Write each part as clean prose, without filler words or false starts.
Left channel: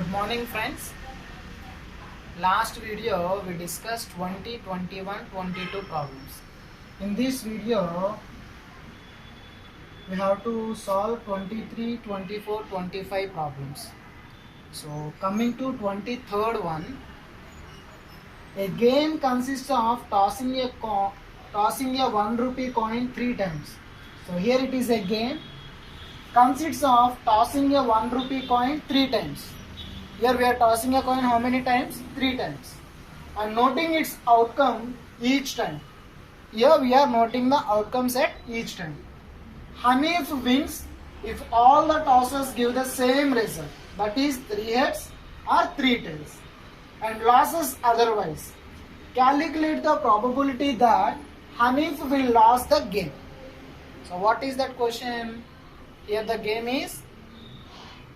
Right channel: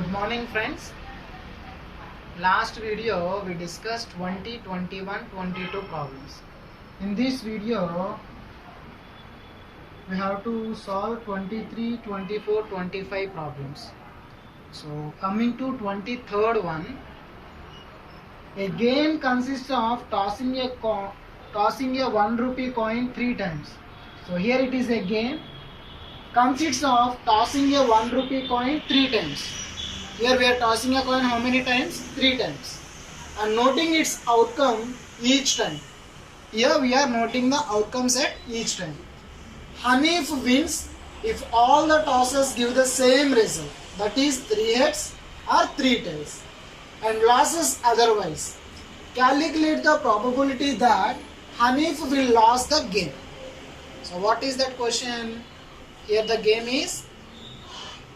Good morning friends. Last video we discussed 20, 21, 22 problems. In this video we have to solve 23, 24, 25 problems. So coming to 23rd one, a game consists of tossing a 1 rupee coin 3 times. So here it is a game consists of tossing a 1 rupee coin 3 times. Here we are tossing a coin how many times? 3 times. And noting its outcome each time. Here we are noting the outcomes at each time. Hanif wins if all the tosses give the same result. That is 3 heads or 3 tails. And losses otherwise. Calculate the probability that Hanif will lose the game. So what is that question? Here the game is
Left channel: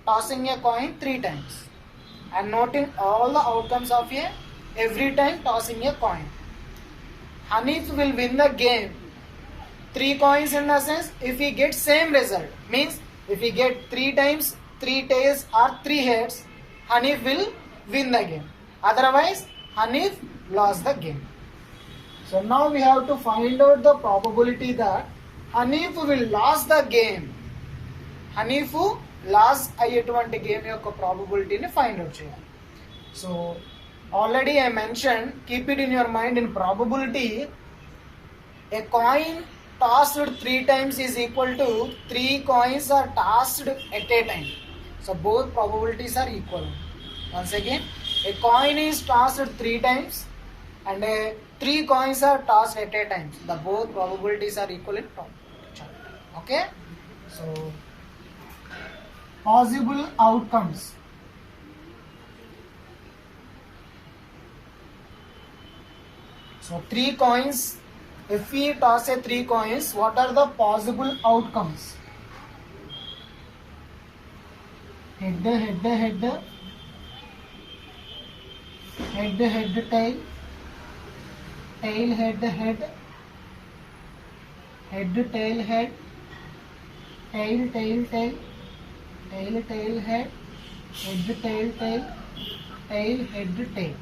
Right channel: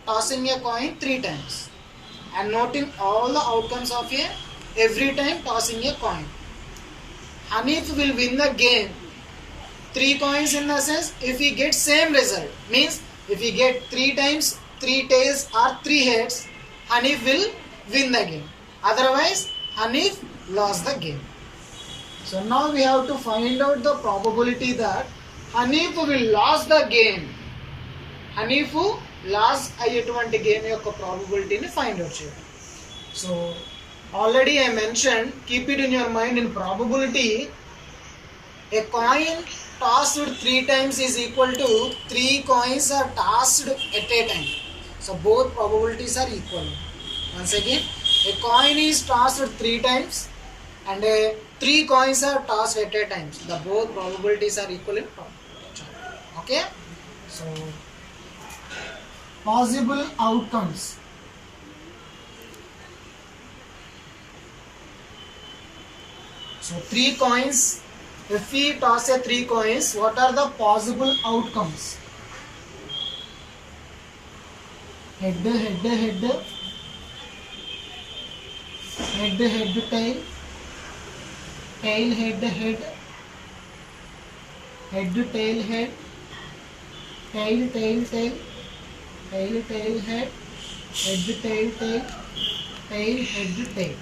tossing a coin 3 times. And noting all the outcomes of every time tossing a coin. Hanif will win the game. 3 coins in the sense if he gets same result. Means if he get 3 times 3 tails or 3 heads, Hanif will win the game. Otherwise Hanif lost the game. So now we have to find out the probability that Hanif will lose the game. Hanif loss అయ్యేటువంటి game యొక్క ప్రాబబిలిటీని find out చేయాలి. So already I mention, keep it in your mind, in probability a coin tossed 3 times is equal to 3 coins are tossed at a time. So both probabilities are equal. Once again, a coin is tossed 3 times and 3 coins are tossed at a time. The both probabilities are equal in probability. Okay, so possible outcomes. So 3 coins, if we toss a 3 coins, what are the possible outcomes? Head, head, head, head, head, tail, tail, head, head, head, tail, head, tail, tail, tail, tail, tail, head, head, tail, tail, tail, head, tail.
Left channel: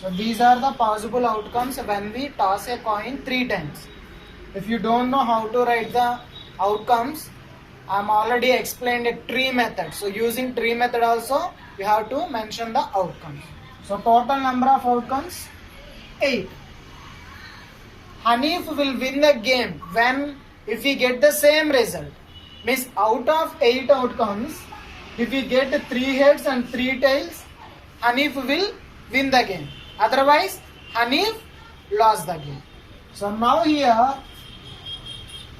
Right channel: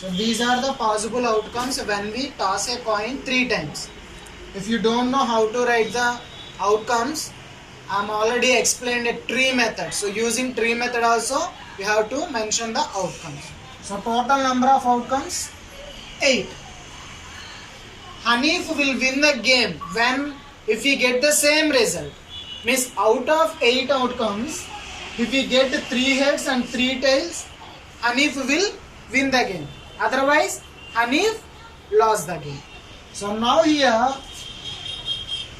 So these are the possible outcomes when we toss a coin 3 times. If you don't know how to write the outcomes, I am already explained a tree method. So using tree method also you have to mention the outcomes. So total number of outcomes 8. Hanif will win the game when if he get the same result. Means out of 8 outcomes, if we get 3 heads and 3 tails, Hanif will win the game. Otherwise, Hanif lost the game. So now here,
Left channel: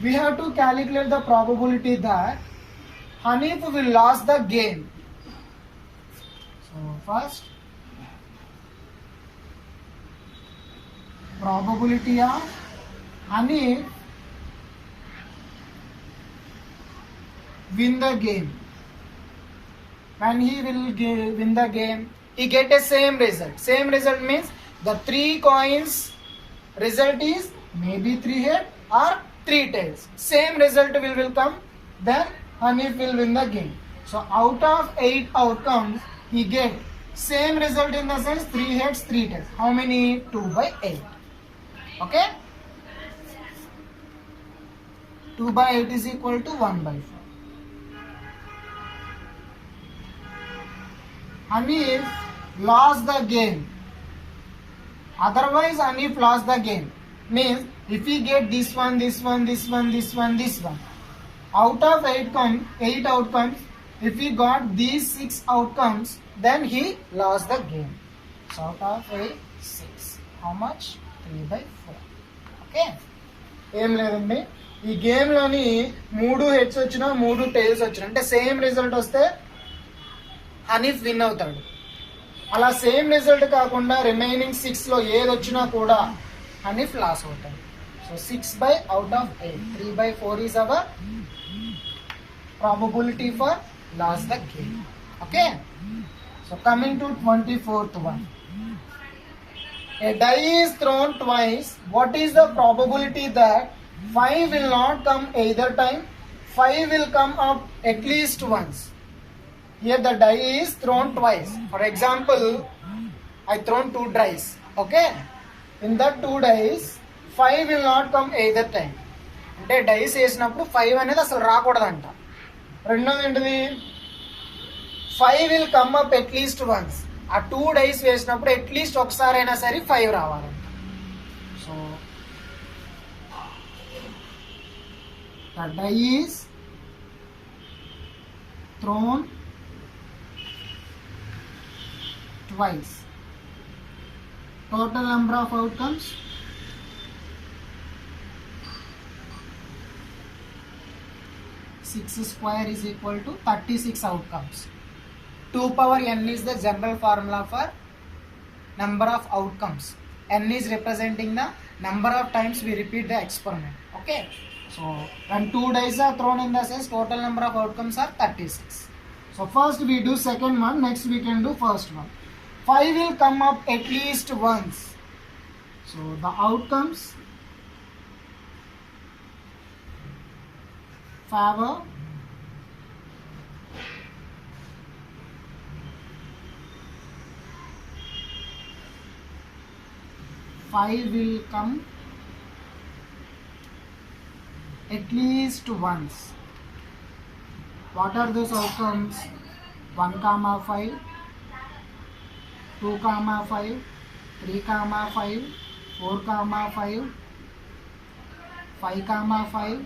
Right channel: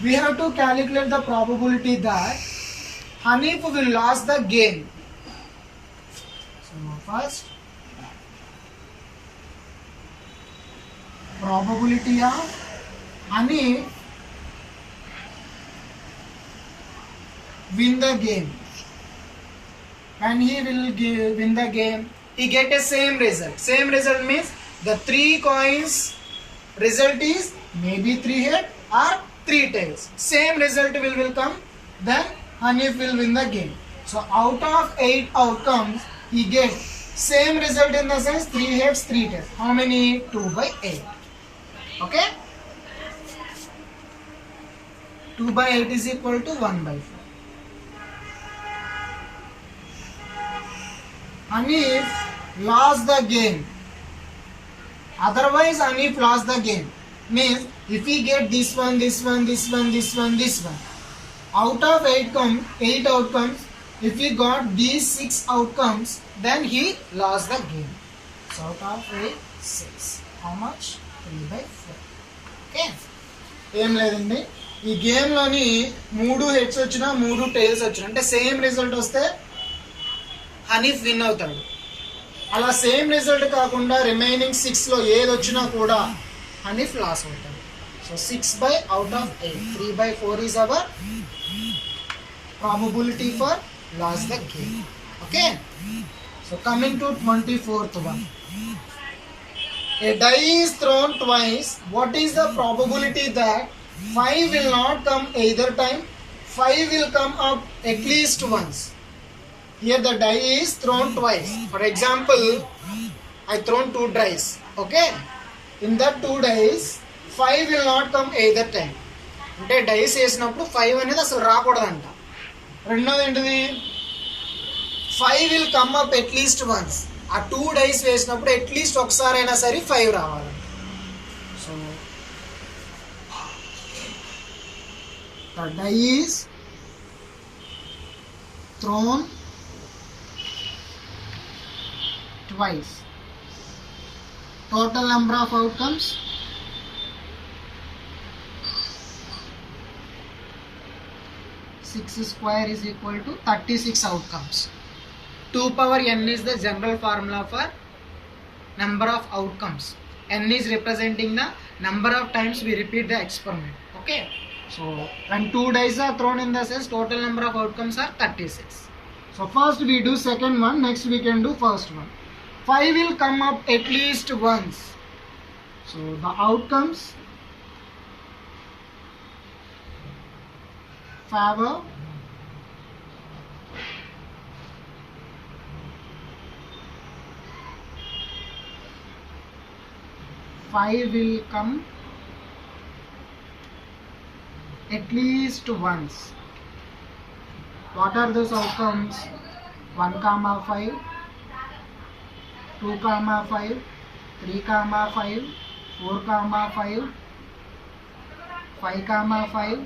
we have to calculate the probability that Hanif will lose the game. So first, probability of Hanif win the game. When he will win the game, he get a same result. Same result means the 3 coins result is maybe 3 head or 3 tails. Same result will come, then Hanif will win the game. So out of 8 outcomes, he gets same result in the sense 3 heads, 3 tails. How many? 2/8. Okay? 2/8 is equal to 1/4. Hanif lost the game. Otherwise Hanif lost the game. Means if we get this one, this one, this one, this one, this one, out of 8 outcomes, if we got these 6 outcomes, then he lost the game. So out of 8, 6. How much? 3/4. Okay. ఏం లేదండి, ఈ గేమ్లోని 3 heads వచ్చినా 3 tiles వచ్చినా అంటే same result వస్తే Hanif win అవుతాడు. అలా same result కాకుండా రిమైనింగ్ 6లో ఏది వచ్చినా కూడా హనీఫ్ లాస్ అవుతాడు. So 6 out of 8, 3/4 is our probability for loss the game. Okay. So coming to 24th one. A die is thrown twice. What is the probability that 5 will not come either time? 5 will come up at least once. Here the die is thrown twice. For example, I thrown 2 dice. Okay, in that 2 dice 5 will not come either time. అంటే dice వేసినప్పుడు 5 అనేది అసలు రాకూడదంట. రెండోది ఏంటిది, 5 will come up at least once. ఆ 2 dice వేసినప్పుడు at least ఒకసారి అయినా సరే 5 రావాలి. So the die is thrown twice. Total number of outcomes 6 square is equal to 36 outcomes. 2 power n is the general formula for number of outcomes. N is representing the number of times we repeat the experiment. Okay, so when 2 dice are thrown in the cells, total number of outcomes are 36. So first we do second one, next we can do first one. 5 will come up at least once. So the outcomes favor 5 will come at least once. What are those outcomes? 1, 5, 2, 5, 3, 5, 4, 5, 5, 5,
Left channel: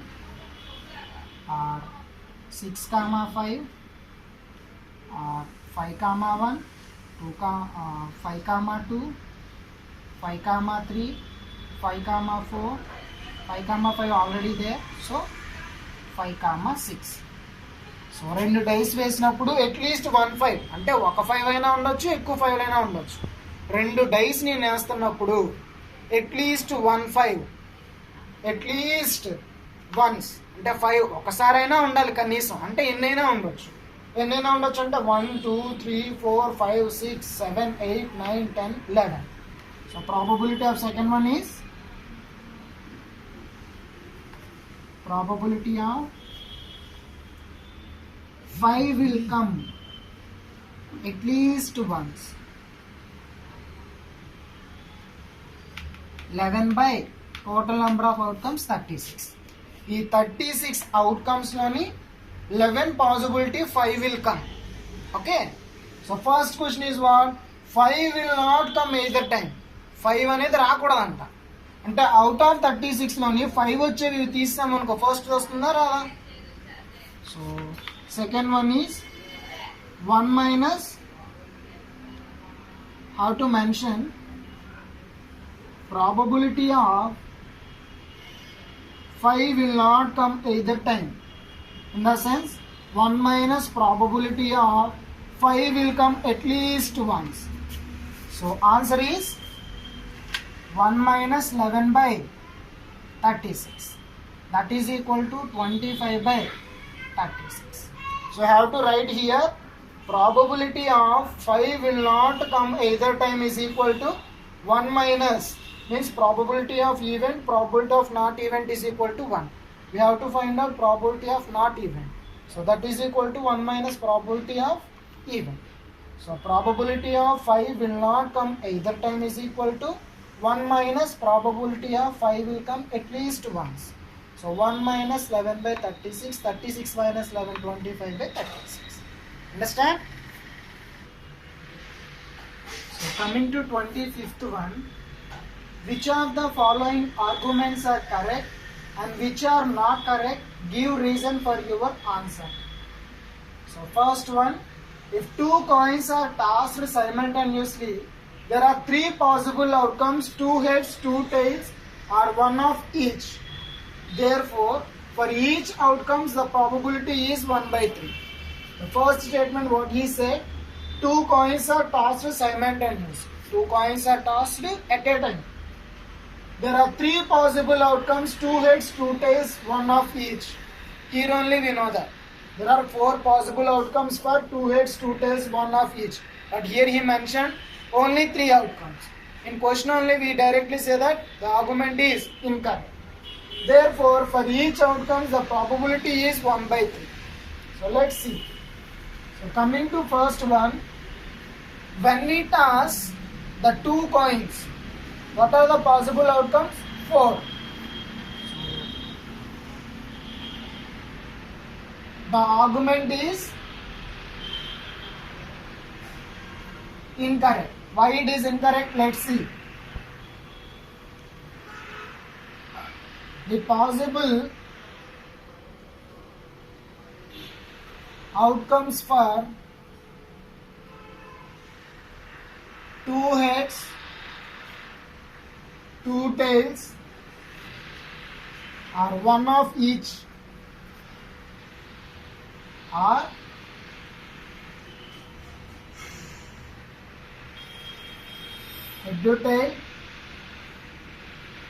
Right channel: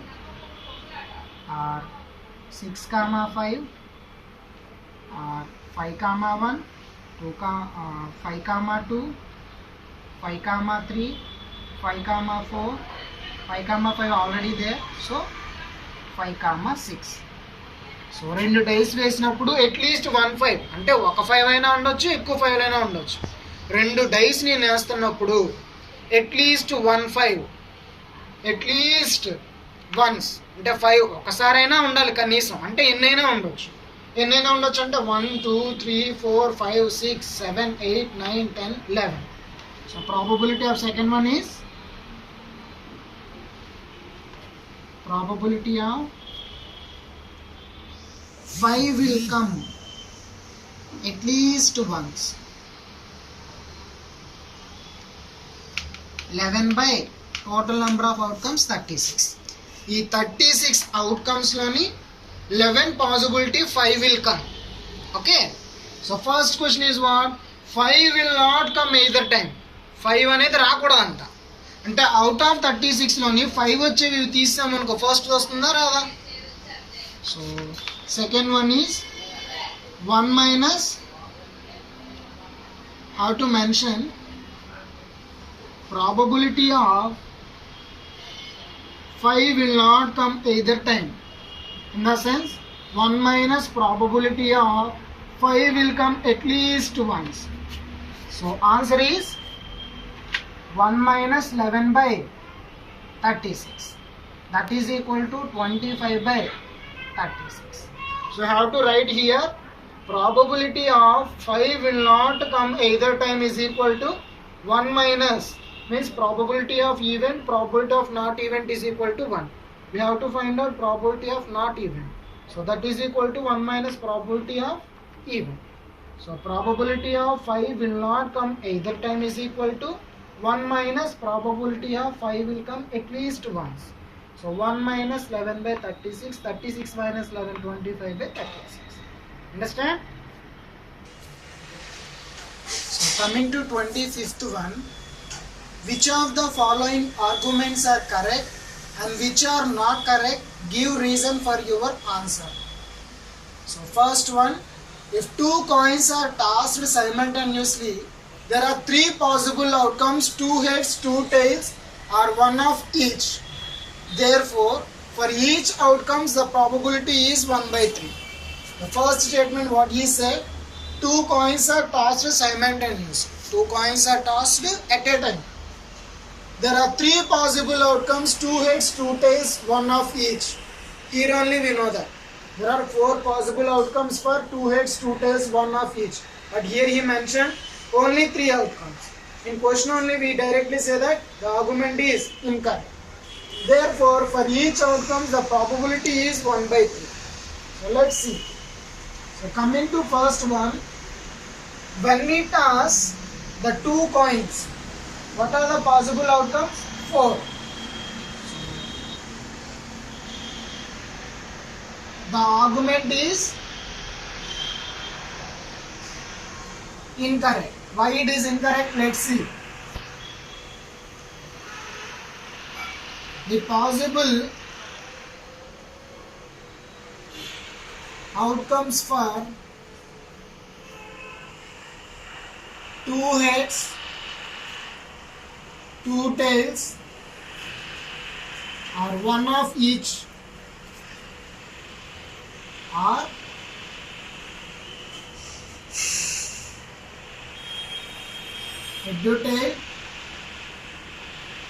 6, 5, 5, 1, 5, 2, 5, 3, 5, 4, 5, 5 already there, so 5, 6. So 2 dice వేసినప్పుడు at least 1 5 అంటే ఒక 5 అయినా ఉండొచ్చు, ఎక్కువ 5 అయినా ఉండొచ్చు. 2 dice నేను వేస్తున్నప్పుడు అట్లీస్ట్ 1 5 అట్లీస్ట్ వన్స్ అంటే 5 ఒకసారైనా ఉండాలి కనీసం. అంటే ఎన్నైనా ఉండొచ్చు అంటే 1 2 3 4 5 6 7 8 9 10 11. So probability of second one is probability of 5 will come at least once. 11 by total number of outcomes 36. ఈ 36 outcomes లోని 11 possibility 5 will come. Okay, so first question is what? 5 will not come either time. 5 అనేది రాకూడదంట. అంటే out of 36 లోని 5 వచ్చేవి తీసామనుకో first వస్తుందా రాదా? So second one is 1 minus, how to mention probability of 5 will not come either time. In the sense 1 minus probability of 5 will come at least once. So answer is 1 minus 11 by 36. That is equal to 25 by 36. So I have to write here probability of 5 will not come either time is equal to 1 minus, means probability of event, probability of not event is equal to 1. We have to find out probability of not event. So that is equal to 1 minus probability of event. So probability of 5 will not come either time is equal to 1 minus probability of 5 will come at least once. So 1 minus 11 by 36, 36 minus 11, 25 by 36. Understand? So coming to 25th one, which of the following arguments are correct and which are not correct? Give reason for your answer. So first one, if 2 coins are tossed simultaneously, there are 3 possible outcomes, 2 heads, 2 tails, or 1 of each. Therefore, for each outcomes the probability is 1 by 3. The first statement what he said, 2 coins are tossed simultaneously. 2 coins are tossed at a time. There are 3 possible outcomes, 2 heads, 2 tails, 1 of each. Here only we know that. There are 4 possible outcomes for 2 heads, 2 tails, 1 of each. But here he mentioned only 3 outcomes. In question only we directly say that the argument is incorrect. Therefore, for each outcome the probability is 1 by 3. So let's see. So coming to first one, when we toss the two coins, what are the possible outcomes? 4. The argument is incorrect. Why it is incorrect? Let's see. The possible outcomes for 2 heads, 2 tails, or 1 of each are head to tail.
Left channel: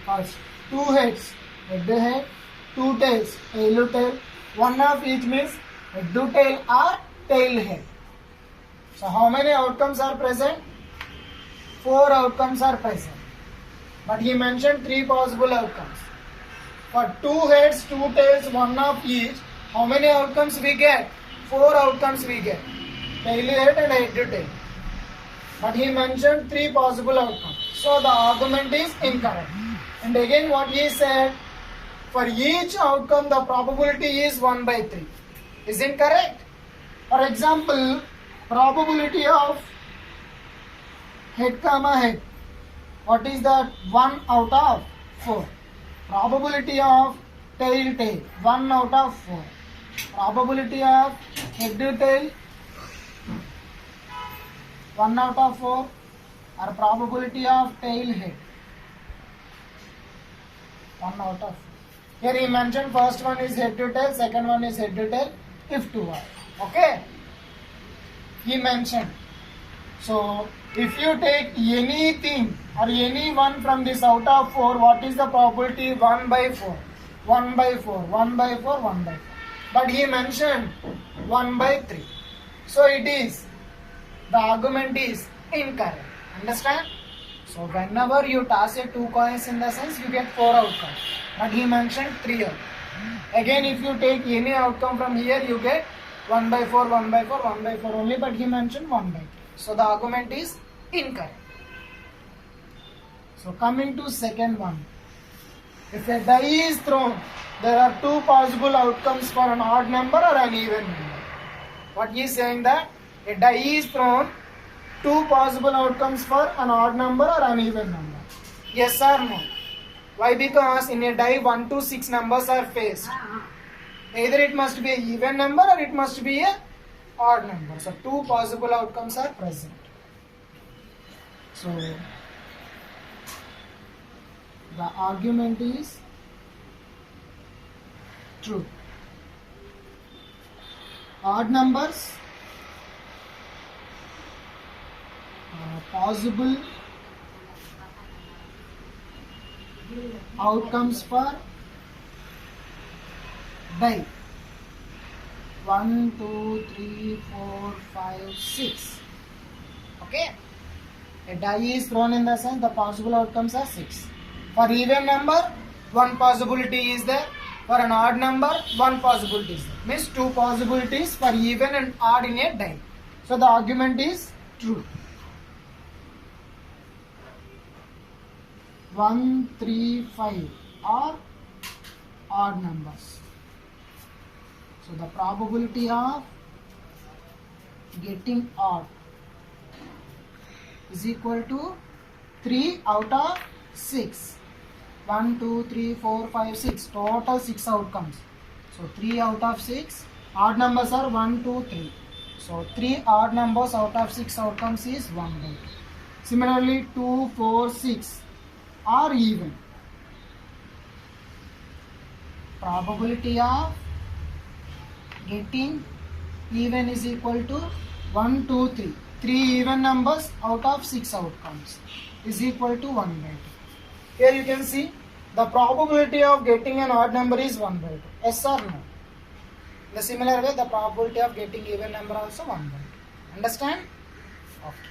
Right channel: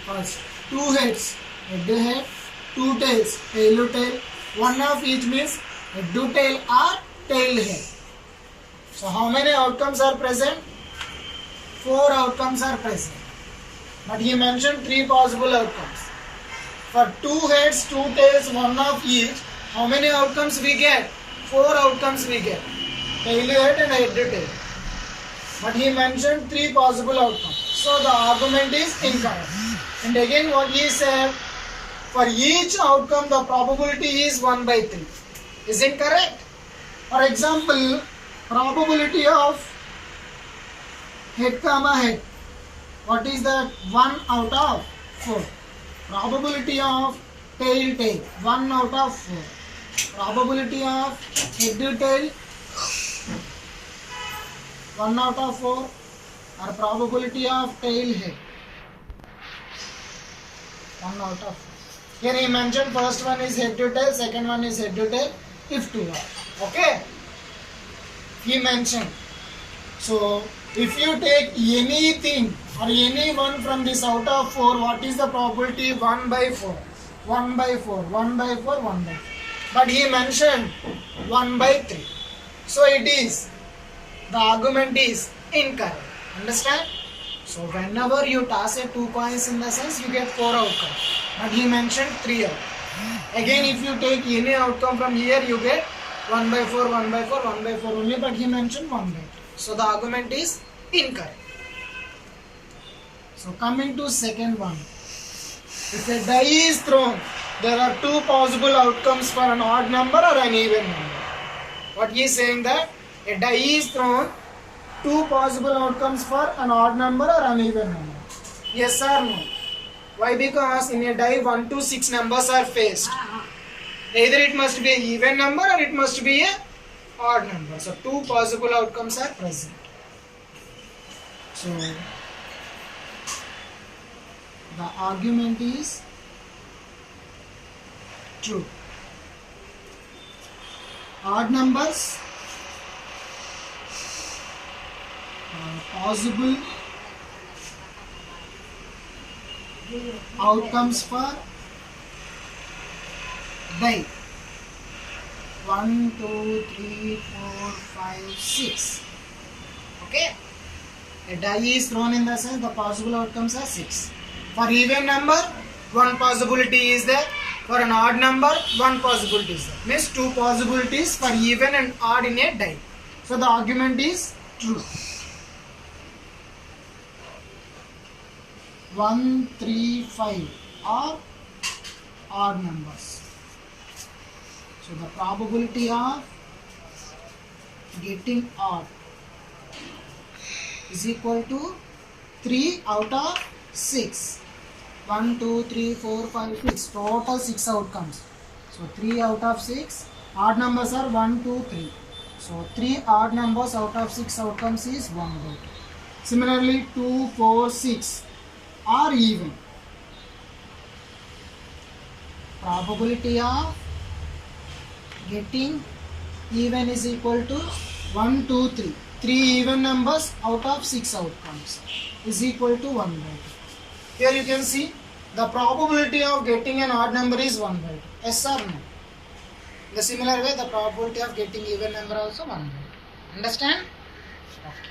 First, 2 heads, head to head, 2 tails, tail to tail. 1 of each means head to tail or tail head. So how many outcomes are present? 4 outcomes are present. But he mentioned 3 possible outcomes. For 2 heads, 2 tails, 1 of each, how many outcomes we get? 4 outcomes we get. Tail head and head to tail. But he mentioned 3 possible outcomes. So the argument is incorrect. And again what he said, for each outcome the probability is 1 by 3. Is it correct? For example, probability of head comma head. What is that? 1 out of 4. Probability of tail tail. 1 out of 4. Probability of head to tail. 1 out of 4. Or probability of tail head. 1 out of 4. Here he mentioned first one is head to tail, second one is head to tail, if 2 are. Okay? He mentioned. So, if you take anything or any one from this out of 4, what is the probability? 1 by 4. 1 by 4, 1 by 4, 1 by 4. But he mentioned 1 by 3. So, it is, the argument is incorrect. Understand? So, whenever you toss a 2 coins in the sense, you get 4 outcomes. But he mentioned 3 outcomes. Again, if you take any outcome from here, you get 1 by 4, 1 by 4, 1 by 4 only. But he mentioned 1 by 2. So, the argument is incorrect. So, coming to second one. If a die is thrown, there are 2 possible outcomes for an odd number or an even number. What he is saying that a die is thrown, 2 possible outcomes for an odd number or an even number. Yes or no? Why? Because in a die 1 to 6 numbers are faced. Either it must be an even number or it must be a odd number. So 2 possible outcomes are present. So the argument is true. Odd numbers possible outcomes for die 1, 2, 3, 4, 5, 6. Okay, a die is thrown in the sense the possible outcomes are 6. For even number, 1 possibility is there. For an odd number, 1 possibility is there. Means 2 possibilities for even and odd in a die. So the argument is true. 1, 3, 5 are odd numbers. So the probability of getting odd is equal to 3 out of 6. 1, 2, 3, 4, 5, 6. Total 6 outcomes. So 3 out of 6. Odd numbers are 1, 2, 3. So 3 odd numbers out of 6 outcomes is 1 by 2. Similarly 2, 4, 6 are even. Probability of getting even is equal to 1, 2, 3. 3 even numbers out of 6 outcomes is equal to 1 by 2. Here you can see the probability of getting an odd number is 1 by 2. Yes or no? In the similar way, the probability of getting even number also 1 by 2. Understand? Okay.